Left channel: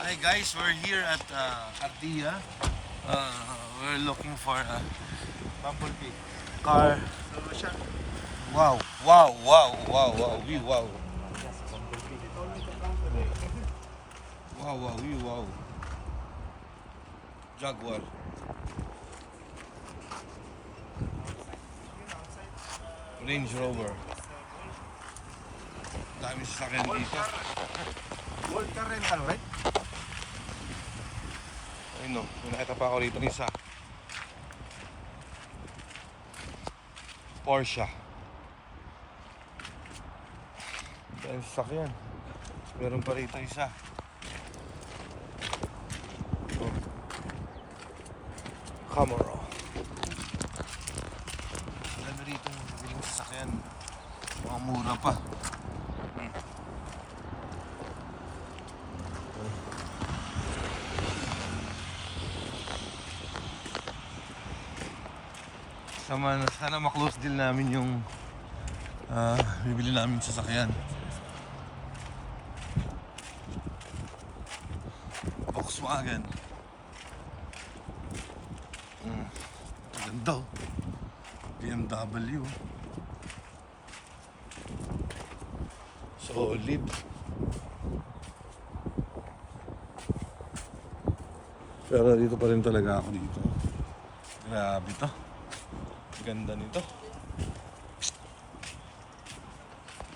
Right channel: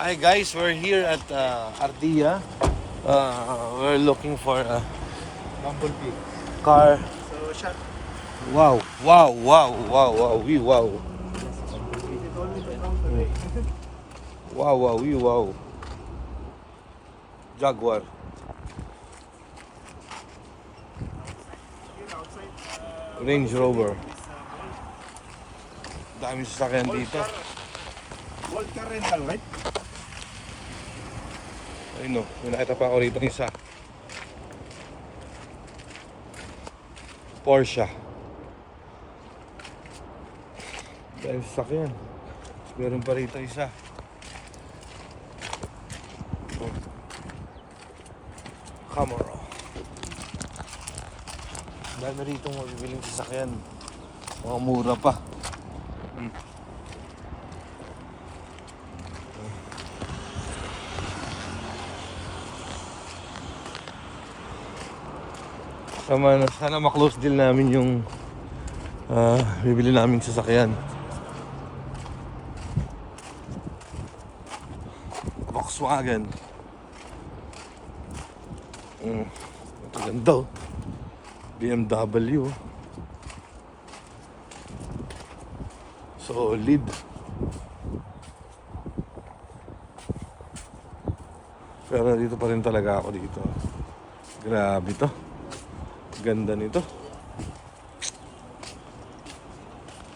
Hi guys, we're here at Ardia. We're looking for a Bumblebee. car. So, shot. Wow. Wow. Jaguar. Range Rover. Dami sasakyan dito. Volcar rental, right? Ayun no, may nakita pa ako rito isa. Porsche. Dami sasakyan. Meron pa rito isa. Camaro. Dami rito mabibiling sasakyan. Mga mura pa. Dito. Sana ma-close deal namin yung bibili namin sasakyan. Volkswagen. Ganda oh. BMW. Solid. Pero dito pa rin talaga ako dito. Grabe to. Ganda nito.